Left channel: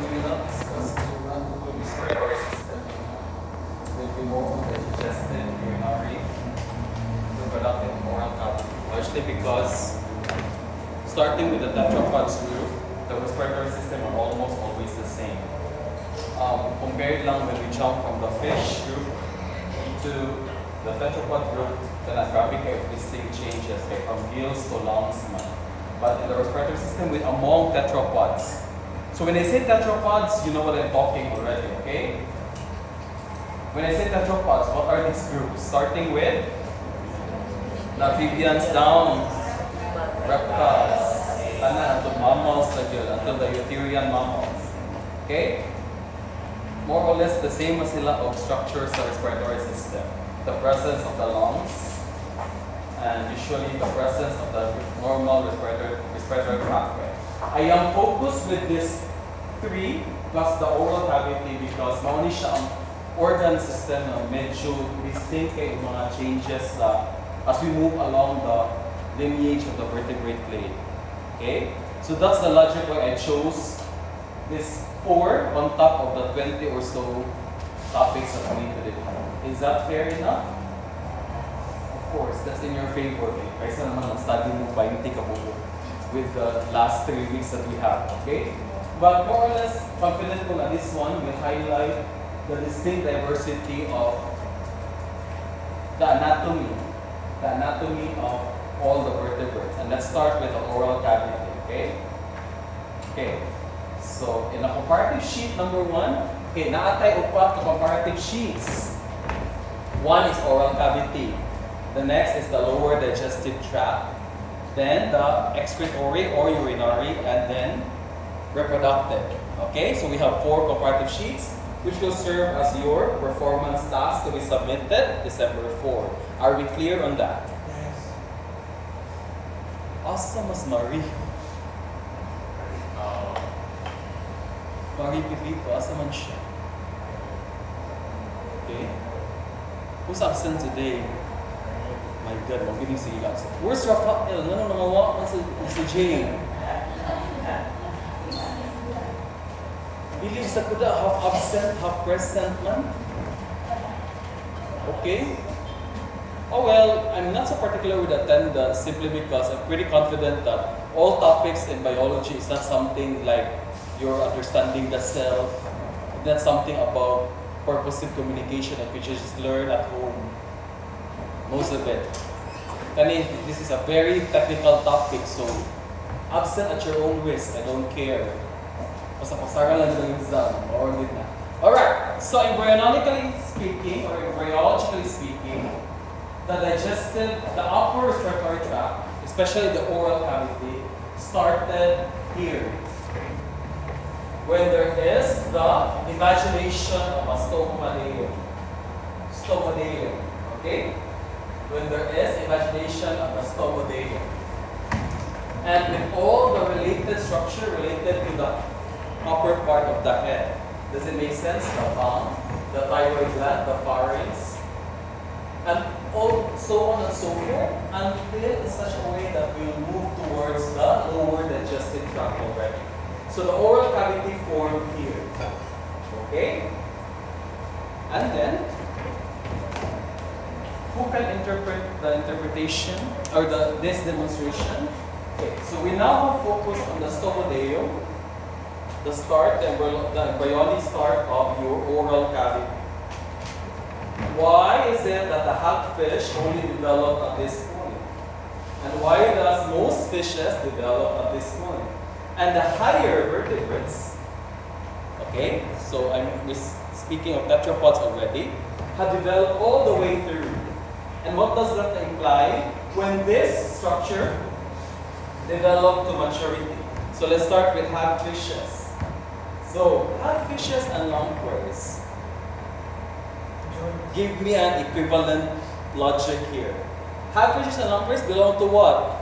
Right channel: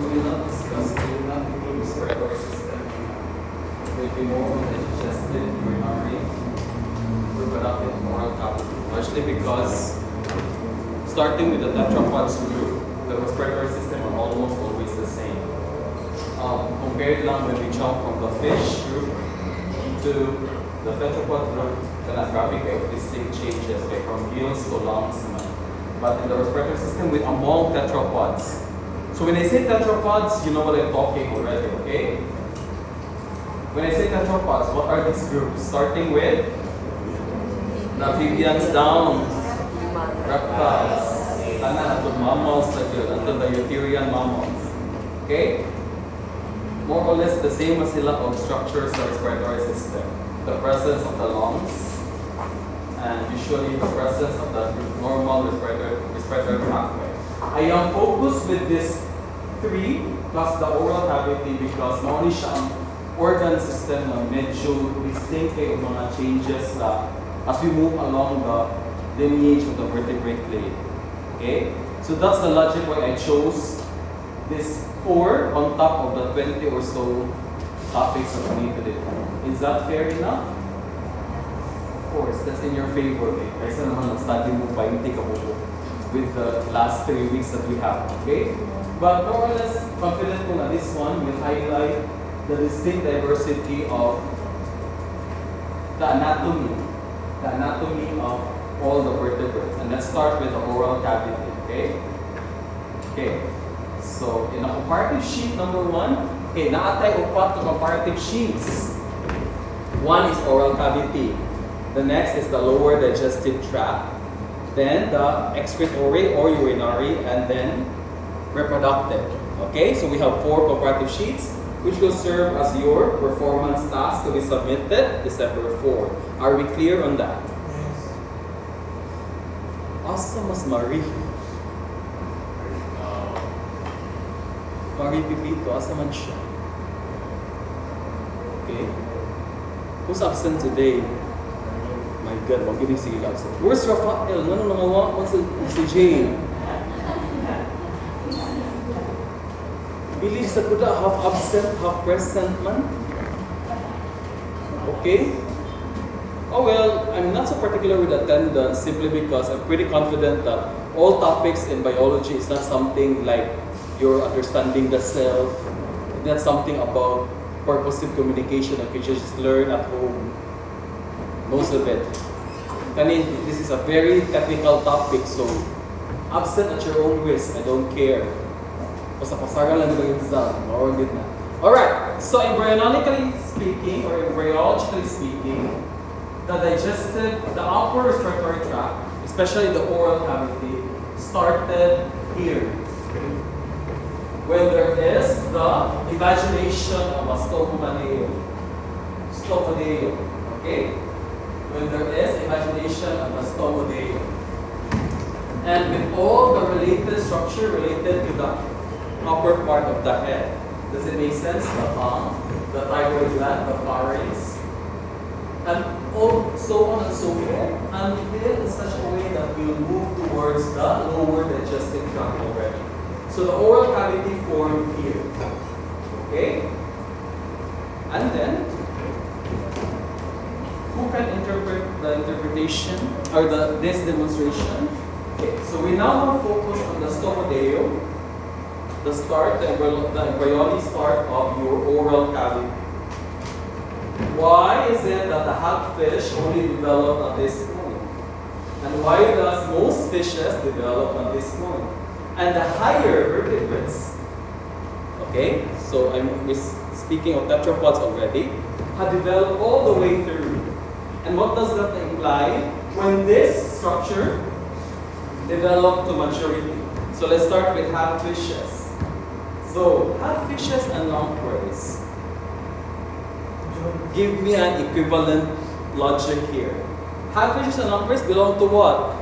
We will not discuss, we will not do respiratory system. There will be more on the digestive, urinary, reproductive, oral cavity. Actually, because starting with the tetrapods group, the respiratory system are almost always the same. Compared lang when we jump from the fish group into the tetrapod group, then a graphic of distinct changes okay, from gills to lungs. But in the respiratory system, with among tetrapods. So when I say tetrapods, you know what I'm talking already, okay? When I say tetrapods, what are these groups? Starting with the amphibians down, reptiles, until mammals until the eutherian mammals. Okay? More or less the same as sila of structures of the respiratory system. The presence of the lungs, and usually the presence of the normal respiratory pathway. I am focused with this 3 plus the oral cavity because mauni siya ang organ system na medyo distinct kay mga changes as we move along the lineage of the vertebrate clade. Okay? So that's the logic why I chose this 4 on top of the 20 or so topics that we need to do. Is that fair enough? Of course, that's in your favor. Kaysa naman nag-study mo pa yung tika mo with the last 3 weeks that we have. Okay? But more or less, confident ko na this one will highlight the distinct diversity of the anatomy of all the vertebrates. And let's start with the oral cavity, okay? Okay, so in a comparative sheet number 1, okay, naatay upat to comparative sheets. 1 is oral cavity. The next is the lower digestive tract. Then the excretory or urinary, and then reproductive. Okay, so we have 4 comparative sheets, which will serve as your performance task to be submitted December 4. Are we clear on that? Yes. Asa mas Marie? Marie Pipito, asa man siya? Okay. Who's absent today? My God, wag giving sige absent. Where's Rafael? No, what's si Jay? Believe sa kuda, half absent, half present man. Okay? Oh well, I'm not so particular with attendance simply because I'm pretty confident that all topics in biology is not something like you're understanding the self. It's not something about purposive communication that you just learn at home. Most of it. This is a very technical topic, so absent at your own risk, I don't care. Basta pasagan lang ng exam, or did na. Alright, so embryologically speaking, or embryologically speaking, the upper respiratory tract, especially the oral cavity, started here. When there is the imagination of a stomadeum. Okay? When there is imagination of a stomadeum. And with all the related structure related to the upper part of the head. Does it make sense? The tongue, the thyroid gland, the pharynx, and so on and so forth, until in such a way that we'll move towards the lower digestive tract already. So the oral cavity formed here. Okay? And then, who can interpret the interpretation or this demonstration? Okay, so we now have focus on the stomadeum. The embryonic start of your oral cavity. Why is it that the hagfish only developed at this point? And why does most fishes develop at this point? And the higher vertebrates, okay, so I'm speaking of tetrapods already, have developed all the way through. And what does that imply? When this structure developed to maturity. So let's start with hagfishes. So, hagfishes and lampreys. Give me an equivalent logic here. Hagfishes and lampreys belong to what?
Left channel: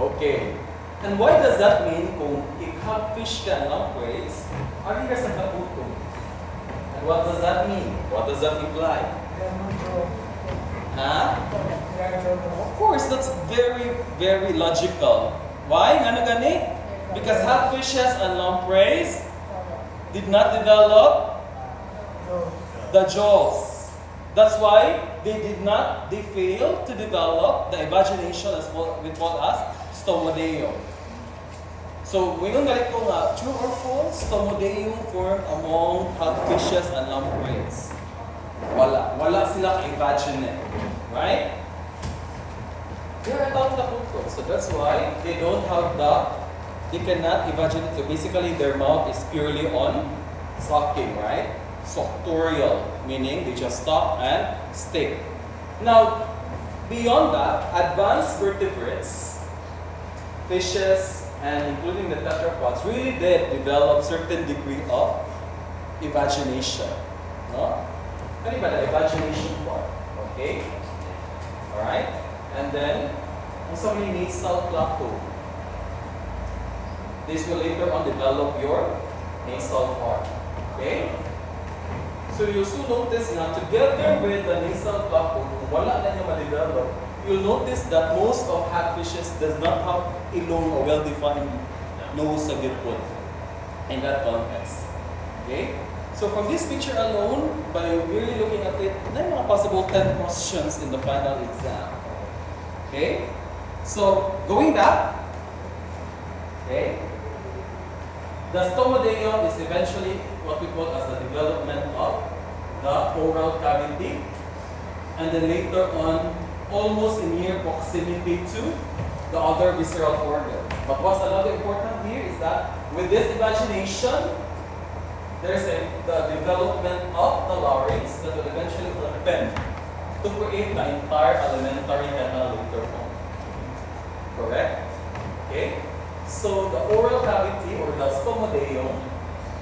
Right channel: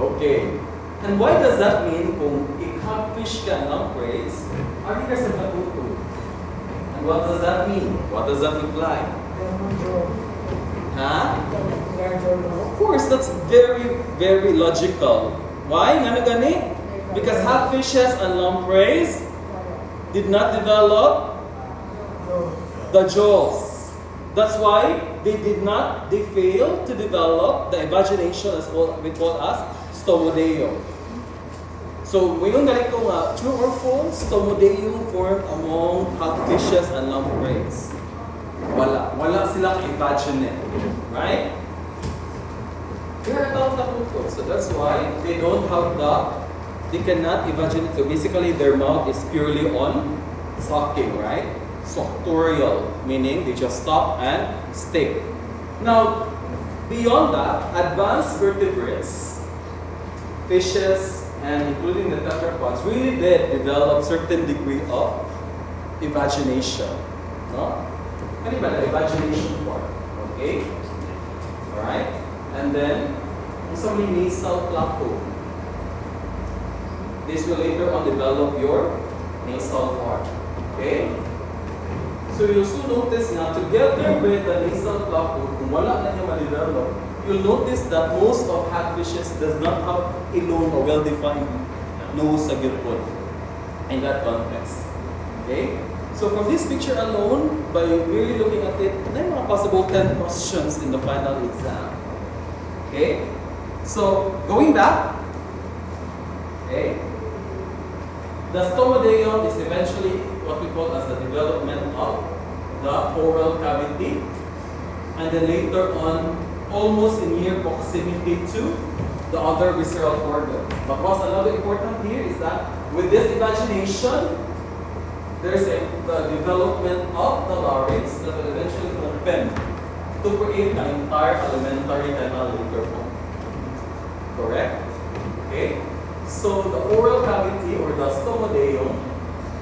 Okay. And why does that mean kung i-catfish ka ang lampreys, are you sa katutulog? And what does that mean? What does that imply? Huh? Of course, that's very, very logical. Why? Ngano gani? Because catfishes and lampreys did not develop the jaws. That's why they failed to develop the imagination as what we call as stomodeum. So, ngayon ganito nga, true or false, stomodeum form among catfishes and lampreys. Wala silang imaginate, right? They are not. So that's why they cannot imagine it. So basically their mouth is purely on sucking, right? Suctorial, meaning they just stop and stay. Now, beyond that, advanced vertebrates, fishes, and including the tetrapods, really did develop certain degree of imagination. No? Ano ba na imagination part? Okay? Alright? And then, so may nasal plateau. This will later on develop your nasal part. Okay? So you'll soon notice na together with the nasal plateau, kung wala na niya ma-develop, you'll notice that most of catfishes does not have a long or well-defined nose sa gilpod in that context. Okay? So from this picture alone, by really looking at it, there are possible 10 questions in the final exam. Okay? So, going back, okay, the stomodeum is eventually what we call as the development of the oral cavity, and then later on, almost in near proximity to the other visceral organ. But what's another important here is that with this imagination, there's the development of the larynx that will eventually open to create the entire alimentary canal later on. Correct? Okay? So the oral cavity or the stomodeum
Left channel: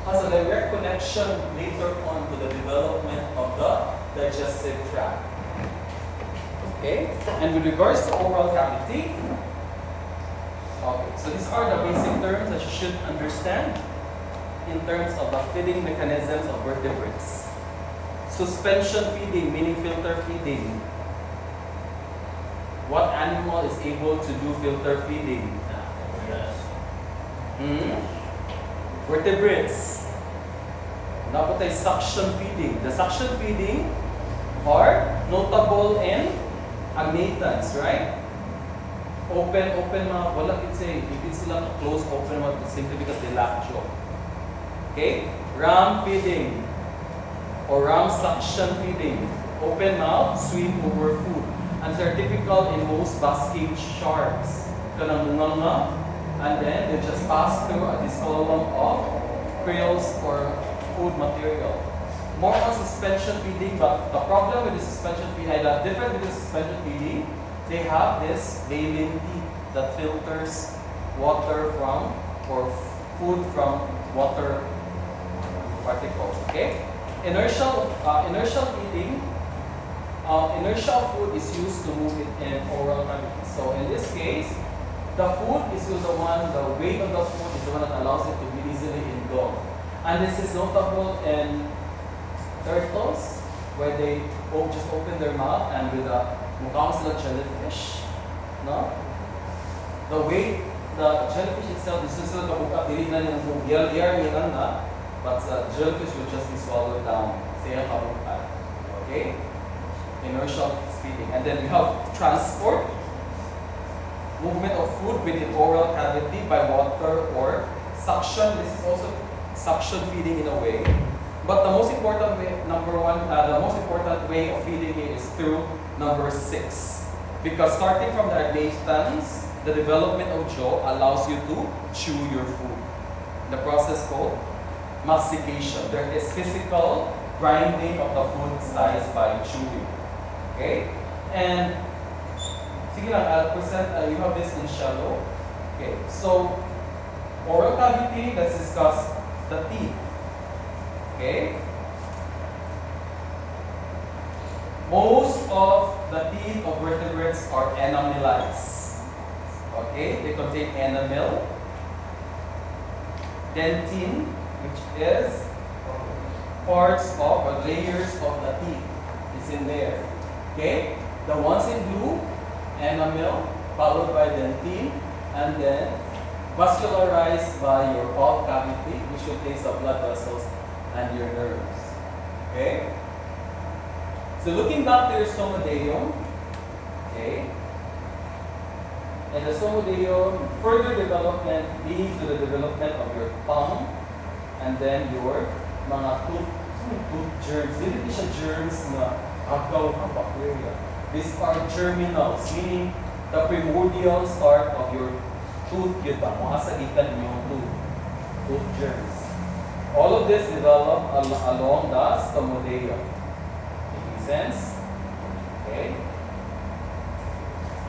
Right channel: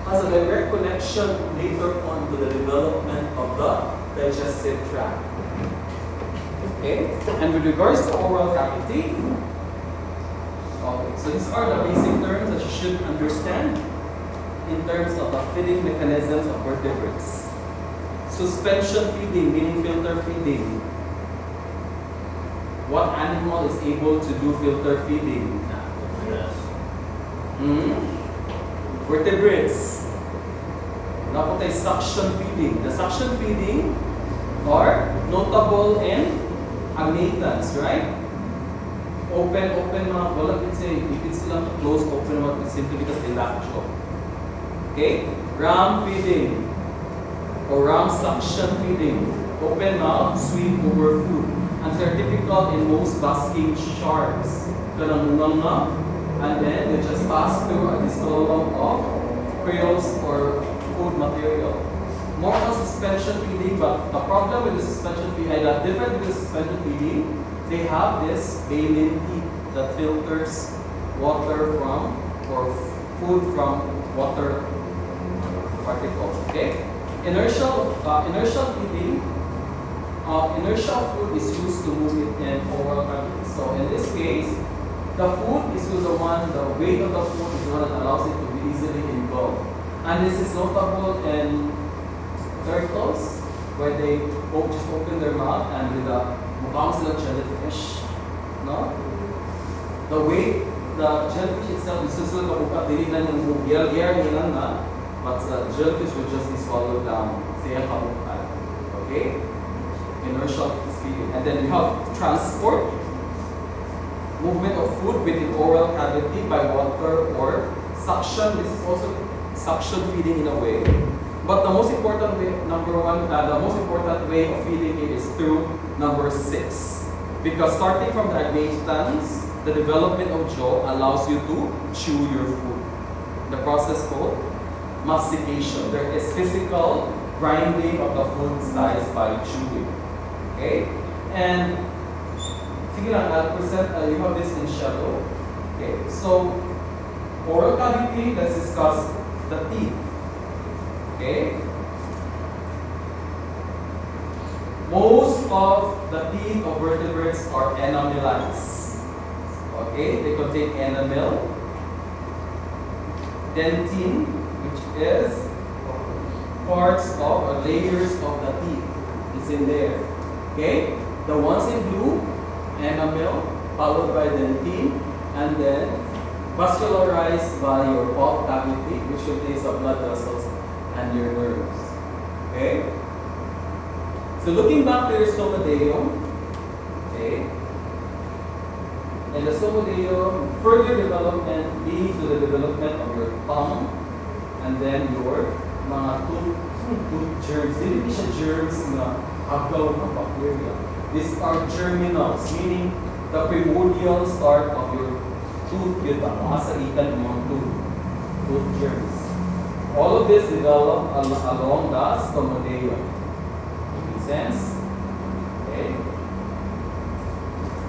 has a direct connection later on to the development of the digestive tract. Okay? And with regards to oral cavity, okay, so these are the basic terms that you should understand in terms of the feeding mechanisms of vertebrates. Suspension feeding, meaning filter feeding. What animal is able to do filter feeding? Vertebrates. Now put suction feeding. The suction feeding are notable in amatans, right? Open, wala it's sila close, open, simply because they lack jaw. Okay? Ram feeding or ram suction feeding. Open mouth, swim over food. And they're typical in most basking sharks. Kanang manga, and then they just pass through this column of quills or food material. More on suspension feeding, but the problem with the suspension feeding, that different with the suspension feeding, they have this baleen teeth that filters water from or food from water particles. Okay? Inertial feeding. Inertial food is used to move it in oral cavity. So in this case, the food is the weight of the food is the one that allows it to be easily engulfed. And this is notable in turtles, where they just open their mouth and with a mukhang sila jellyfish. No? The weight, the jellyfish itself is just like a dili na yung move. Air na, but the jellyfish will just be swallowed down. Sayang kamukan. Okay? Inertial feeding. And then we have transport, movement of food within oral cavity by water or suction. This is also suction feeding in a way. But the most important way, the most important way of feeding it is through number 6. Because starting from the agnatans, the development of jaw allows you to chew your food. The process called mastication. There is physical grinding of the food size by chewing. Okay? And sige lang, I'll present, you have this in shadow. Okay, so oral cavity, let's discuss the teeth. Okay? Most of the teeth of vertebrates are enamelized. Okay, they contain enamel, dentine, which is parts of or layers of the teeth. It's in there. Okay, the ones in blue, enamel, followed by dentine, and then vascularized by your pulp cavity, which contains the blood vessels and your nerves. Okay? So looking back to your stomadeum, okay? In the stomadeum, further development leads to the development of your tongue and then your mga tooth germs. Hindi siya germs na agaw ng bacteria. These are germinals, meaning the primordial start of your tooth, yun ang mga salitan yung tooth germs. All of this develop along the stomadeum. Making sense? Okay.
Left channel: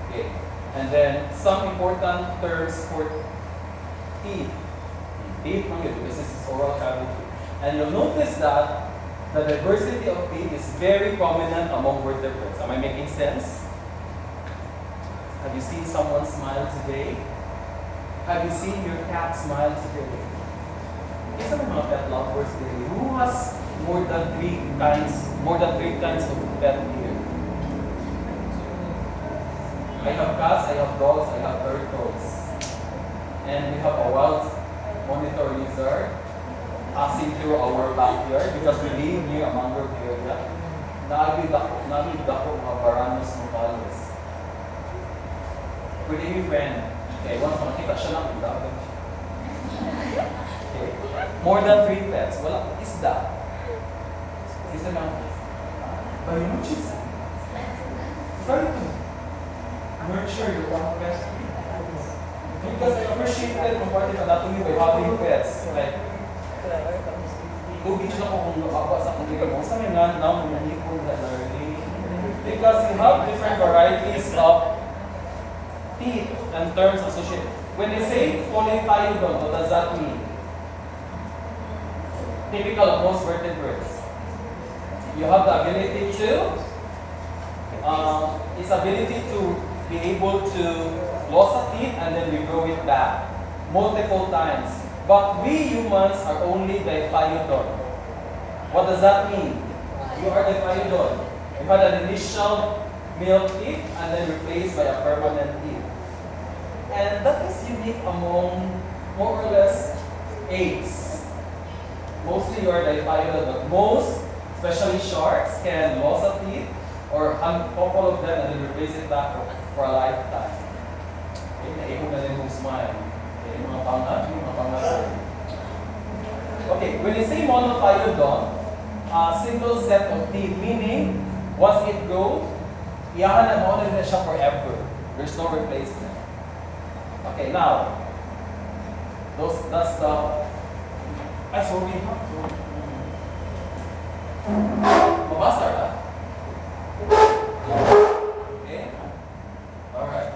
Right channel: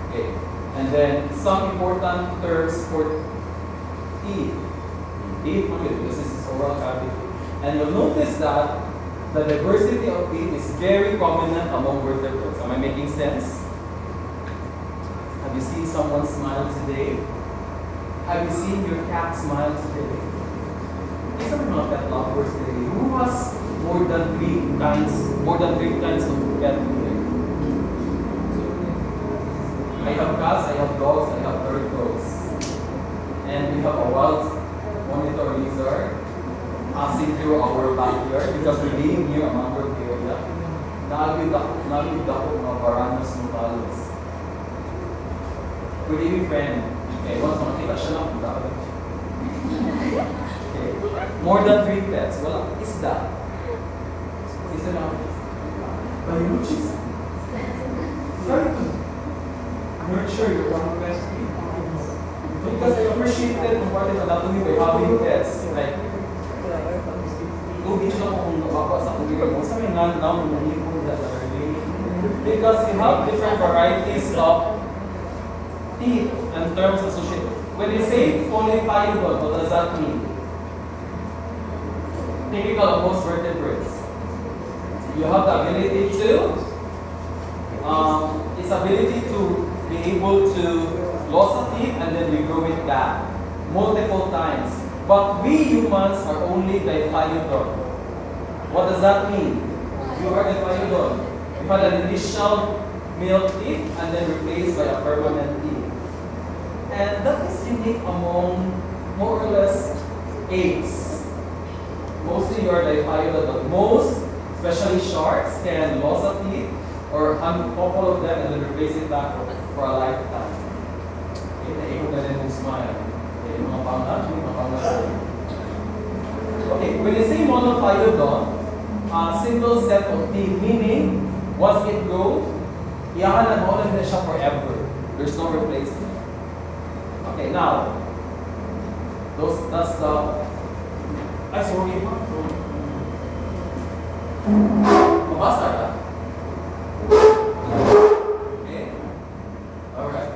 Okay. And then some important terms for teeth. Teeth, this is oral cavity. And you'll notice that the diversity of teeth is very prominent among vertebrates. Am I making sense? Have you seen someone smile today? Have you seen your cat smile today? These are mga pet lovers today. Who has more than three kinds of pet here? I have cats, I have dogs, I have turtles. And we have a wild monitor lizard passing through our backyard because we live near a mangrove area. Nagid ako mga Varanus mocalis. Good evening, friend. Okay, once makita siya lang, dapat. Okay. More than 3 pets. Walang isda. Isa lang. Ayun, cheese. Sorry to nurture your own pets. Because I appreciated Comparative anatomy by having pets. Like, tubig siya kung baka sa kung ikaw. Kung sa may now, because we have different varieties of teeth and terms associated. When I say polyphyodont, what does that mean? Typical of most vertebrates. You have the ability to, its ability to be able to lose a teeth and then regrow it back multiple times. But we humans are only diphyodont. What does that mean? You are diphyodont. You had an initial male teeth and then replaced by a permanent teeth. And that is unique among more or less apes. Mostly you are diphyodont, but most, especially sharks, can lose a teeth or a couple of them and then replace it back for a lifetime. Okay, when you say monophyodont, single set of teeth, meaning once it goes, iyahan na mauna na siya forever. There's no replacement. Okay, now, that's the, ay, sorry ha. Pumasa ka? Okay. Alright.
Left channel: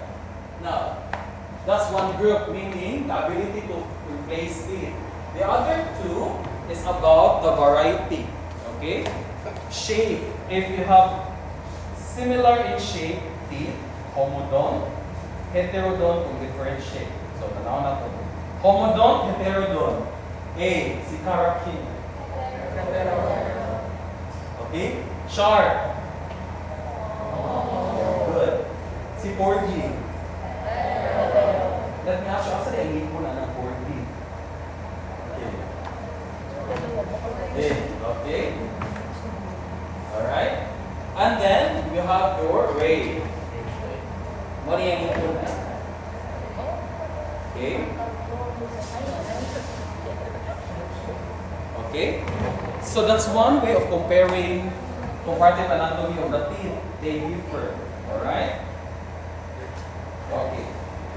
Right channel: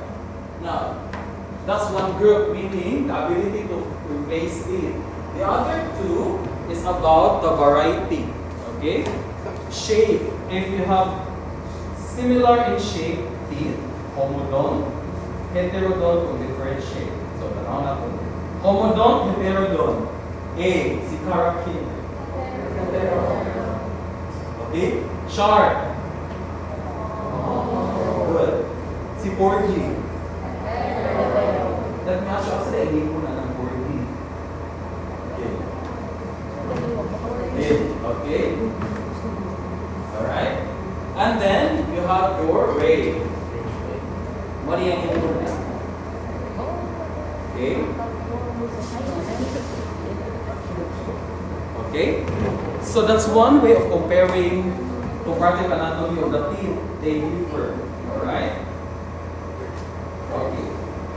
Now, that's one group, meaning the ability to replace teeth. The other two is about the variety. Okay? Shape. If you have similar in shape teeth, homodont, heterodont with different shape. So, tanaw natin. Homodont, heterodont. A, si Tara King. Okay? Sharp. Good. Si Porgy. Let me ask you, asa na mo na ng Porgy? Okay. Okay. Alright. And then, you have your ray. What do you need to do? Okay. Okay. So that's one way of comparing comparative anatomy of the teeth. They differ. Alright? Okay.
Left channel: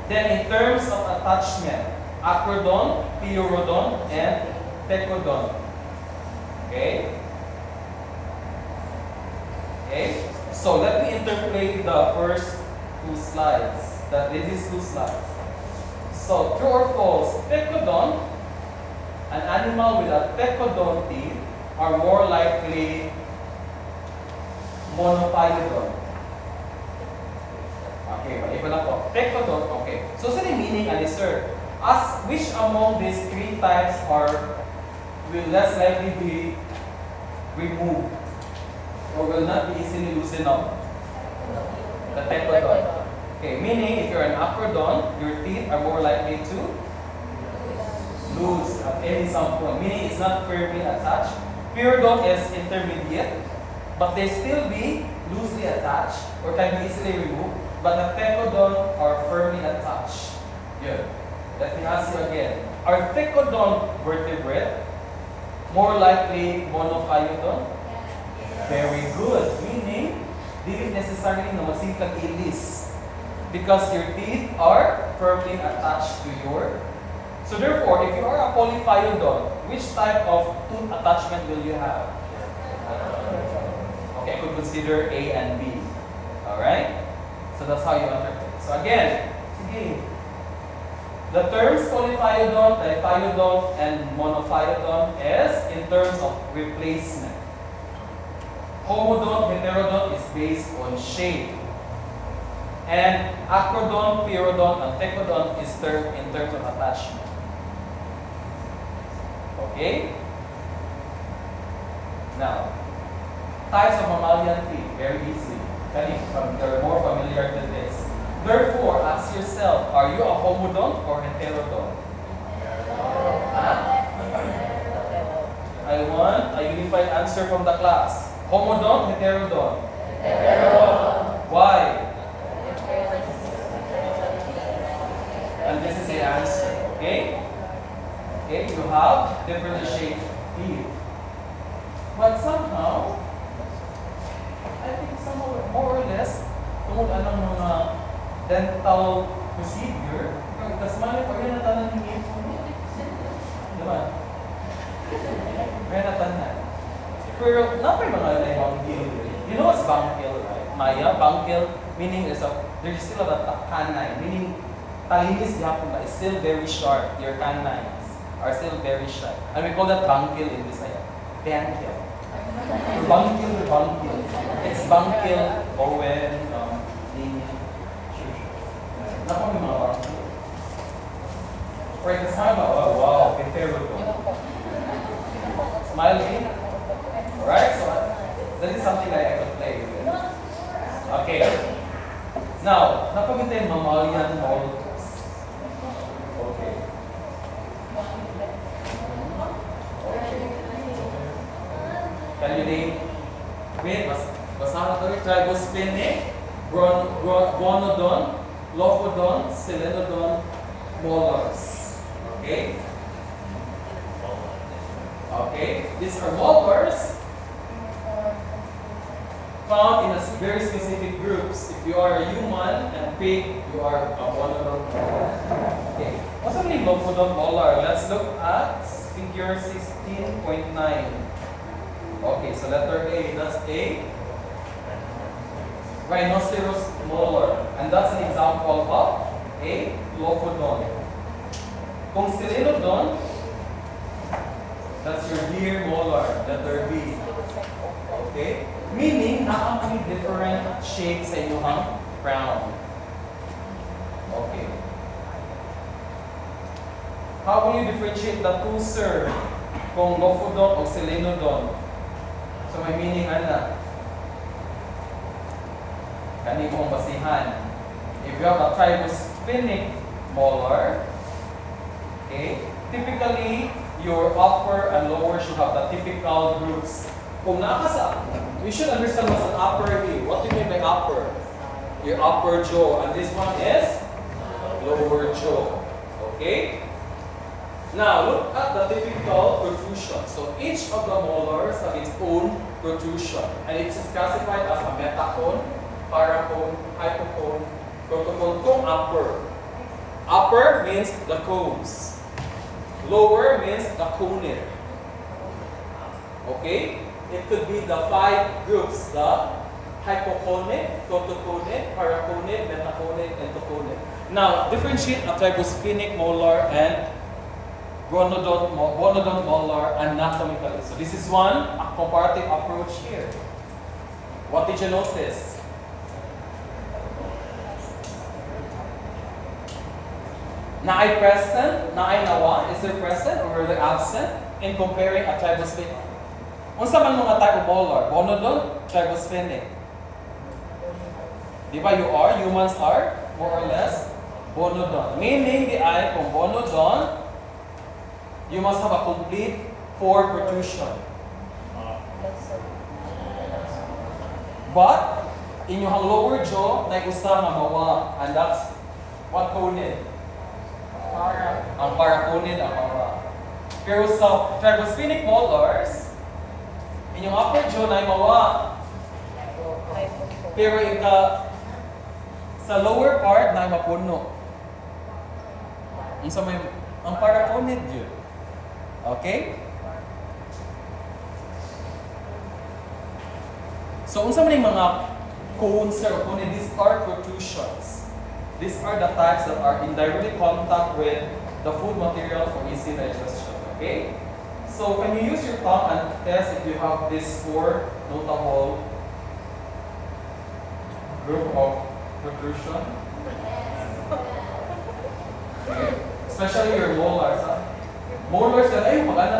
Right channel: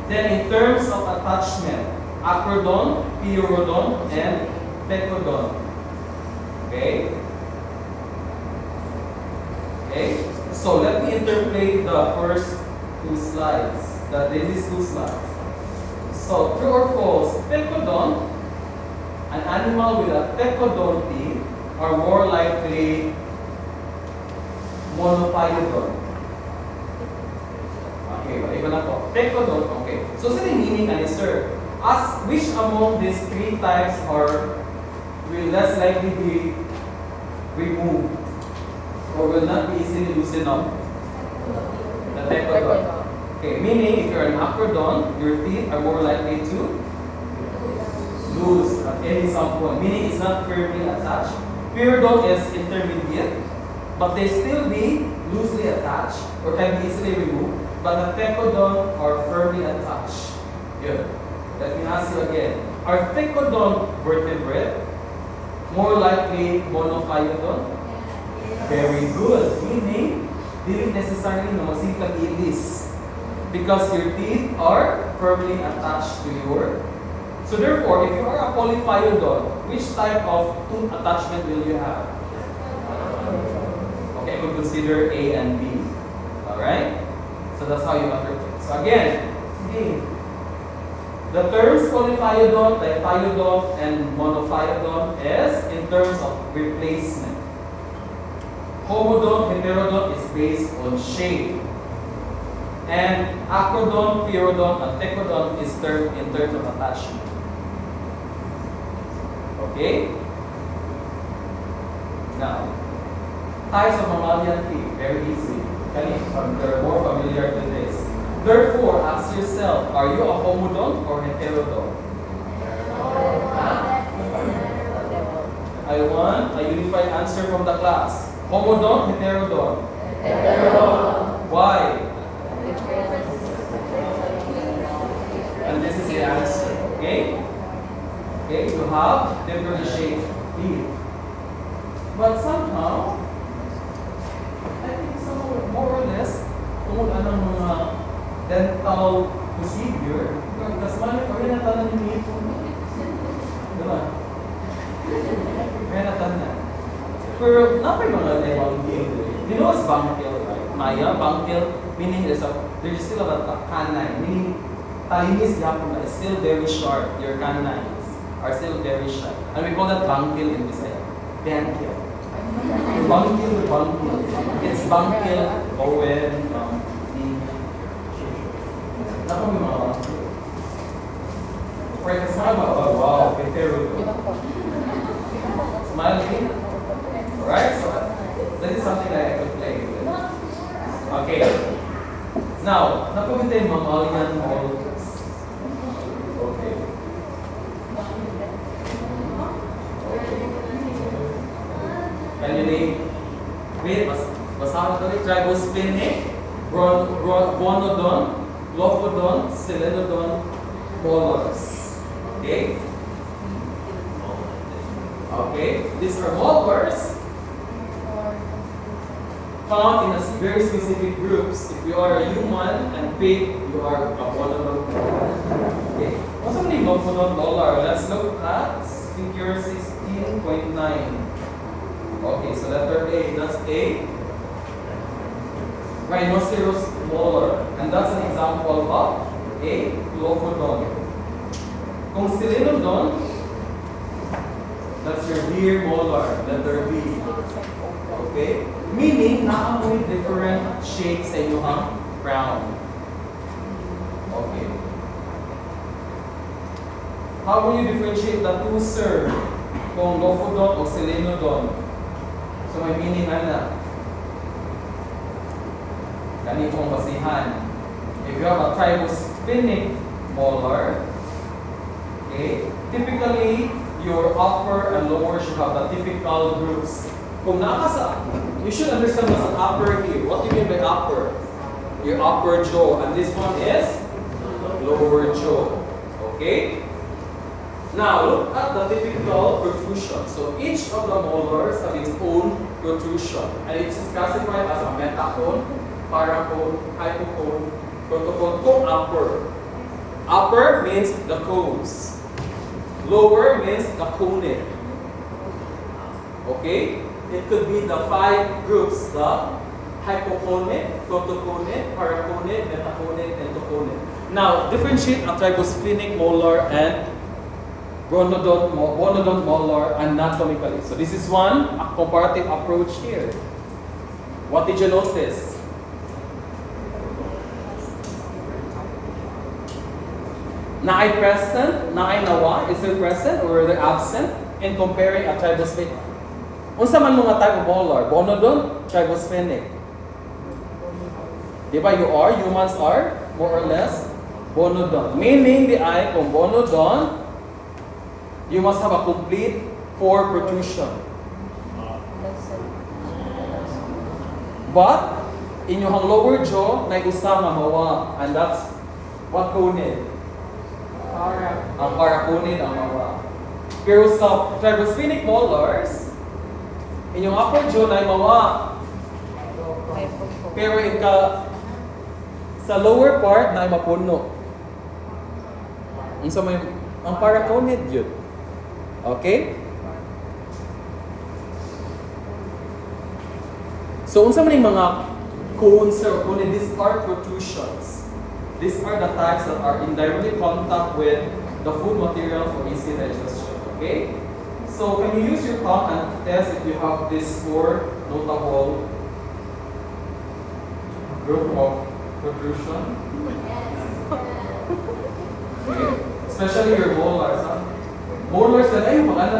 Then in terms of attachment, acrodont, peurodont, and pecodont. Okay? Okay? So let me interpret the first two slides. These two slides. So true or false, pecodont, an animal with a pecodont teeth are more likely monophyodont. Okay, Okay, iba na po. Pecodont, okay. So, sa meaning, ano, sir? As which among these three types will less likely be removed or will not be easily loosened up? The pecodont. Okay, meaning if you're an acrodont, your teeth are more likely to loose at some point. Meaning it's not firmly attached. Periodont is intermediate, but they still be loosely attached or can be easily removed. But the pecodont are firmly attached. Good. Let me ask you again. Are pecodont vertebrate more likely monophyodont? Very good. Meaning, didn't necessarily know single ilis because your teeth are firmly attached to your. So therefore, if you are a polyphyodont, which type of tooth attachment will you have? Okay, I could consider A and B. Alright? So that's how you interpret. So again, the terms polyphyodont, diphyodont, and monophyodont is in terms of replacement. Homodont, heterodont is based on shape. And acrodont, pyrodont, and pecodont is termed in terms of attachment. Okay? Now, types of mammalian teeth, very easy. You're more familiar to this. Therefore, ask yourself, are you a homodont or heterodont? Huh? I want a unified answer from the class. Homodont, heterodont? Heterodont. Why? And this is the answer. Okay? Okay, you have differently shaped teeth. But somehow, I think somehow more or less, tungkol anong mga dental procedure, kasi mali ko rin natanan yung ngipon mo. Diba? Kaya natanan. Pero napay mga bangkil. You know what's bangkil, right? Maya, bangkil, meaning there's still a canine, meaning talinis hapon, but it's still very sharp. Your canines are still very sharp. And we call that bangkil in this like bangkil. Bangkil. It's bangkil, Owen, Not only mga bangkil. Right, smile ba? Oh, wow, very good. Smile again. Alright, so that is something that I could play with. Okay. Now, napagintay mammalian molars. Okay. Can you name? Wait, basahan ko rin. Trigosplenic, Gonodon, Lophodon, Selenodon, molars. Okay? Okay, these are molars found in a very specific groups. If you are a human and pig, you are a Gonodon molar. Okay, what's the meaning of Gonodon molar? Let's look at figure 16.9. Okay, so letter A, that's A. Rhinoceros molar. And that's an example of A, Lophodon. Kung Selenodon, that's your deer molar, letter B. Okay? Meaning, naamoy different shapes sa inyong crown. Okay. How will you differentiate the two, sir? Kung Lophodon o Selenodon? So may meaning na kanipong basihan. If you have a trigosplenic molar, okay, typically your upper and lower should have the typical groups. Kung nakasa, you should understand what's an upper here. What do you mean by upper? Your upper jaw, and this one is lower jaw. Okay? Now, look at the typical protrusion. So each of the molars have its own protrusion. And it is classified as a metacone, paracone, hypocone, protocone, to upper. Upper means the cones. Lower means the conate. Okay? It could be the 5 groups, the hypoconate, protoconate, paraconate, metaconate, and toconate. Now, differentiate a trigosplenic molar and Gonodont molar anatomically. So this is one, a comparative approach here. What did you notice? Na ay present, na ay nawa, is there present or are they absent in comparing a tribosphenic? Unsa man mga type of molar? Bonodon, tribosphenic. Di ba humans are more or less bonodon. Meaning di ay kung bonodon, you must have a complete 4 protrusion. But in yung lower jaw, na usa nga mawa, and that's what conid? Ang paraconid ang mawa. Pero sa tribosphenic molars, inyong upper jaw na mawa. Pero sa lower part na mapuno. Unsa may ang paraconid yun. Okay? So unsa man yung mga cones or conid, these are protrusions. These are the types that are in direct contact with the food material for easy digestion. Okay? So can you use your tongue and test if you have these 4 notable group of protrusion? Okay. Especially your molars. Huh? Molars na ay mag-ano?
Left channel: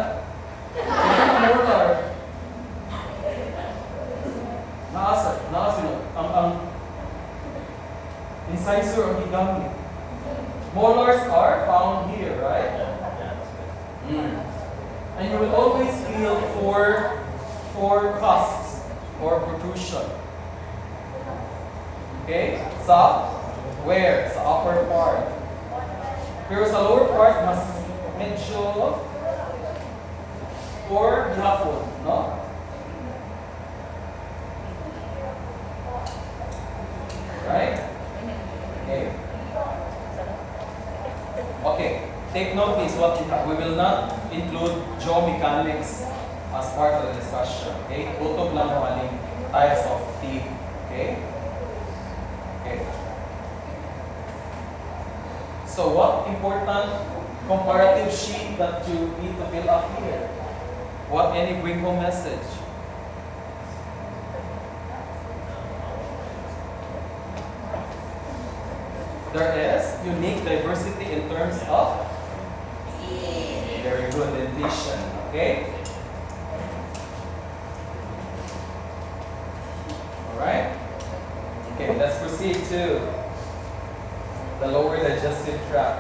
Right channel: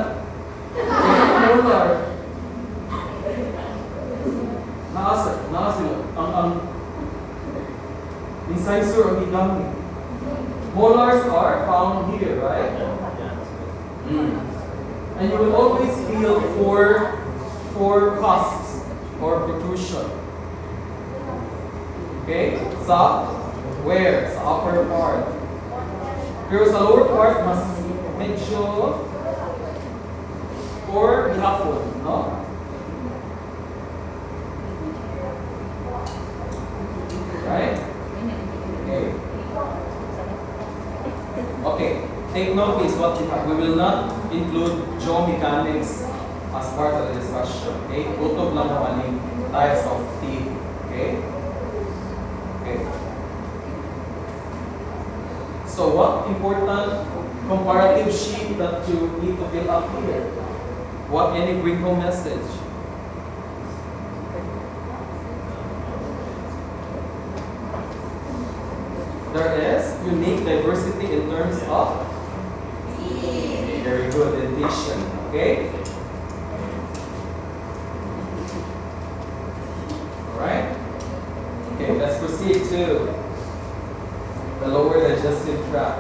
Molar. Naasa ang incisor ang gigamit. Molars are found here, right? And you will always feel four cusps or protrusion. Okay? Sa where? Sa upper part. Pero sa lower part, mas medyo or gihapon, no? Right? Okay. Okay. Take note please what we have. We will not include jaw mechanics as part of the discussion. Okay? Tutok lang naman yung types of teeth. Okay? Okay. So what important comparative sheet that you need to fill up here? What any bring home message? There is unique diversity in terms of very good dentition. Okay? Alright? Okay, let's proceed to the lower digestive tract.